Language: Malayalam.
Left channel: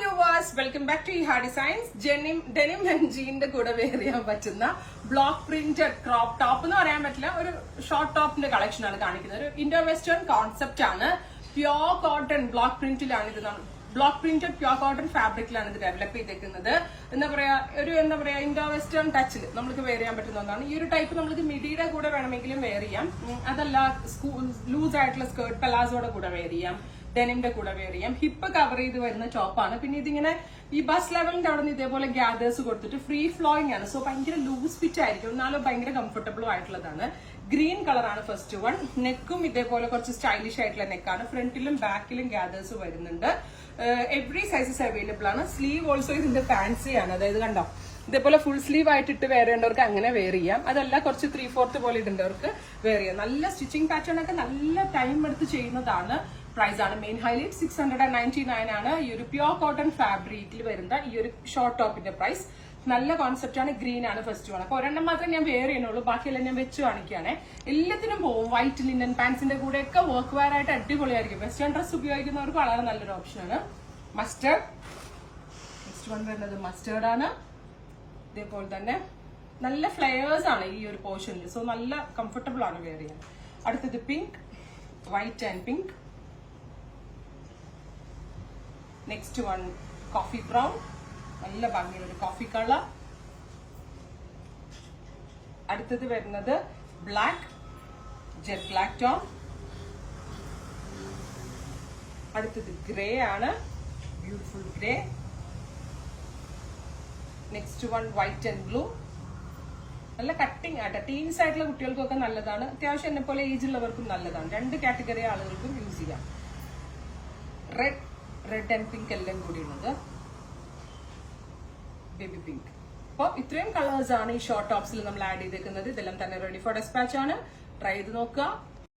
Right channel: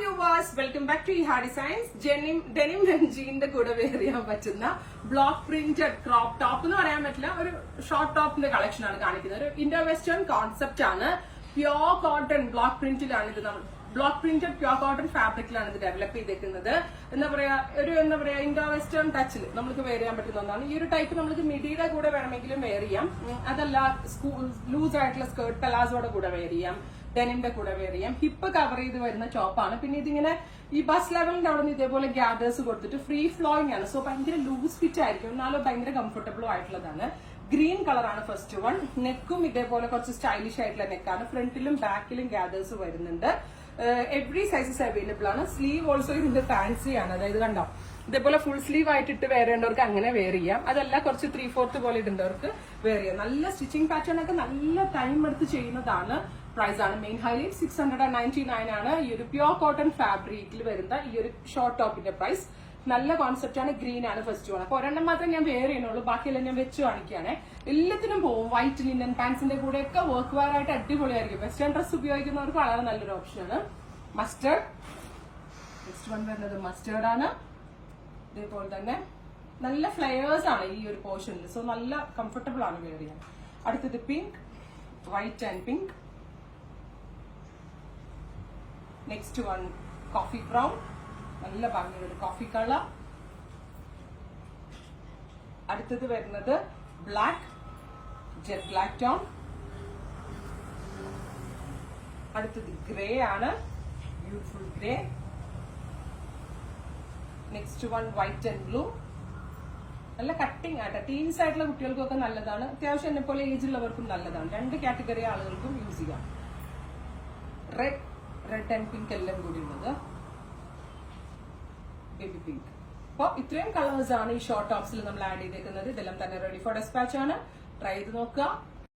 Viewers, welcome back to Iha designs. Denim and ജീന്റെ കൂടെ വെയർ ചെയ്യാൻ പറ്റുന്ന ബ്ലോക്ക് പ്രിന്റഡ് ക്രോപ്പ് ടോപ്പ് എന്ന് പറയാൻ പറ്റില്ല, ഒരു ഷോർട്ട് ടോപ്പിന്റെ കളക്ഷൻ ആണ് കാണിക്കുന്നത്. ഒരു ഇൻഡോ വെസ്റ്റേൺ കോൺസെപ്റ്റ് ആണ്. പ്യോർ കോട്ടൺ ബ്ലോക്ക് പ്രിന്റിലാണ് ഇത്. നമ്മൾ ബ്ലോക്ക് പ്രിന്റഡ് പ്യോർ കോട്ടൺ ഫാബ്രിക്കിലാണ് ഇത് ഡെവലപ്പ് ചെയ്തേക്കുന്നത്. എന്താ പറയാ ഇൻഡോ വെസ്റ്റേൺ ടച്ചിൽ നമുക്ക് വെയർ ചെയ്യാൻ പറ്റുന്ന ഒന്നാണ്. ഈ ഒരു ടൈപ്പ് നമുക്ക് മിഡിയുടെ കൂടെ വേണമെങ്കിലും വെയർ ചെയ്യാം. അതല്ല ലൂസ് ആയിട്ടുള്ള സ്കേർട്ട് പലാസോടെ കൂടെ വെയർ ചെയ്യാം, ഡെനിമിന്റെ കൂടെ വെയർ ചെയ്യാം. ഹിപ്പ് കവർ ചെയ്ത് വരുന്ന ടോപ്പാണ്. പിന്നെ ഇതിങ്ങനെ ഈ ബസ് ലെവലിന്റെ അവിടെ നിന്ന് ഇതേപോലെ ഗ്യാദേഴ്സ് കൊടുത്തിട്ട് ഫ്രീ ഫ്ലോയിങ് ആണ്. സോ ഭയങ്കര ലൂസ് ഫിറ്റ് ആയിരിക്കും, എന്നാലും ഭയങ്കര കംഫർട്ടബിളും ആയിട്ടുള്ളതാണ്. ഗ്രീൻ കളറാണ് ഫസ്റ്റ് വൺ. നെക്കും ഇതേപോലെ കുറച്ച് സ്റ്റൈലിഷ് ആയിട്ടുള്ള നെക്കാണ്. ഫ്രണ്ടിലും ബാക്കിലും ഗ്യാദേഴ്സ് വരുന്നുണ്ട്. എവറി സൈസസ് അവൈലബിൾ ആണ്. സ്ലീവ് ഓൾസോ ഇതിന്റെ ഫാൻസി ആണ്. അതായത് കണ്ടോ, ഇതേപോലെ ഫുൾ സ്ലീവ് ആയിട്ട് ഇട്ട് വെയർ ചെയ്യേണ്ടവർക്ക് അങ്ങനെ വെയർ ചെയ്യാം. അതല്ല കുറച്ച് 3/4 പോലെ ഇടേണ്ടവർക്ക് വെയർ ചെയ്യാം. നല്ല സ്റ്റിച്ചിങ് പാറ്റേൺ ഒക്കെ നല്ല ടൈം എടുത്ത് ചെയ്യുന്നതാണ്. പ്രൈസ് ആണ് മെയിൻ ഹൈലൈറ്റ്. 699 ആണ് ഈ ഒരു പ്യോർ കോട്ടൺ ഫാബ്രിക്കിൽ വരുന്ന ഈ ഒരു ഷോർട്ട് ടോപ്പിന്റെ പ്രൈസ്. നല്ല കോൺസെപ്റ്റ് ആണ്. ഗ്രീൻ ആണ് ഫസ്റ്റ് വൺ. അപ്പൊ ഒരെണ്ണം മാത്രം ഞാൻ വെയർ ചെയ്യുന്നുള്ളൂ, ബാക്കിയെല്ലാം ഞാൻ വെച്ച് കാണിക്കുകയാണെ. എല്ലാത്തിനും പോകും. വൈറ്റ് ലിനൻ പാൻസിന്റെ കൂടെ ഒക്കെ വർക്ക് വെയർ ആയിട്ട് അടിപൊളിയായിരിക്കും. വെസ്റ്റേൺ ഡ്രസ് ഉപയോഗിക്കുന്നവർക്ക് വളരെ നല്ലൊരു ഓപ്ഷനാണ്. മസ്റ്റേർഡ് നെക്സ്റ്റ് വൺ വരുന്നത് മസ്റ്റേർഡ് ആണ്. ഇതേപോലെ തന്നെ നല്ല ഫ്ലെയേഴ്സ് ആണ് ഈ ഒരു പോർഷനിൽ. സോ നല്ല കംഫർട്ടബിൾ ആണ് വെയർ ചെയ്യാൻ. അടുത്തത് pink, white and pink. Next one coffee brown, നല്ല ഭംഗിയുള്ള കോഫി കളർ. അടുത്തത് വരുന്നത് ബ്ലാക്ക്, ജെറ്റ് ബ്ലാക്ക് ടോൺ. അടുത്തത് ഗ്രേ ആണ്, beautiful grey. Next one white and blue. നല്ല കട്ടിങ് ആയിട്ട് ടീൻസ് ആയിട്ടുള്ള കുട്ടികൾക്കൊക്കെ നല്ലതാണ്. അത്യാവശ്യം എന്നെ പോലെ ഏജ് ഉള്ളവർക്കും നല്ലതാണ്. രണ്ട് കാറ്റഗറി ആളുകൾക്കും യൂസ് ചെയ്യാം. റെഡ് ആൻഡ് പിങ്ക് എല്ലാം കൂടി ഉള്ളത്, ബേബി പിങ്ക്. അപ്പോൾ ഇത്രയും കളേഴ്സ് ആണ് ഈ ഷോർട്ട് ടോപ്സിൽ നമ്മൾ ആഡ് ചെയ്തേക്കുന്നത്. ഇതെല്ലാം തന്നെ റെഡി ഫോർ ഡെസ്പാച്ച് ആണ്. ട്രൈ ചെയ്ത് നോക്കുക.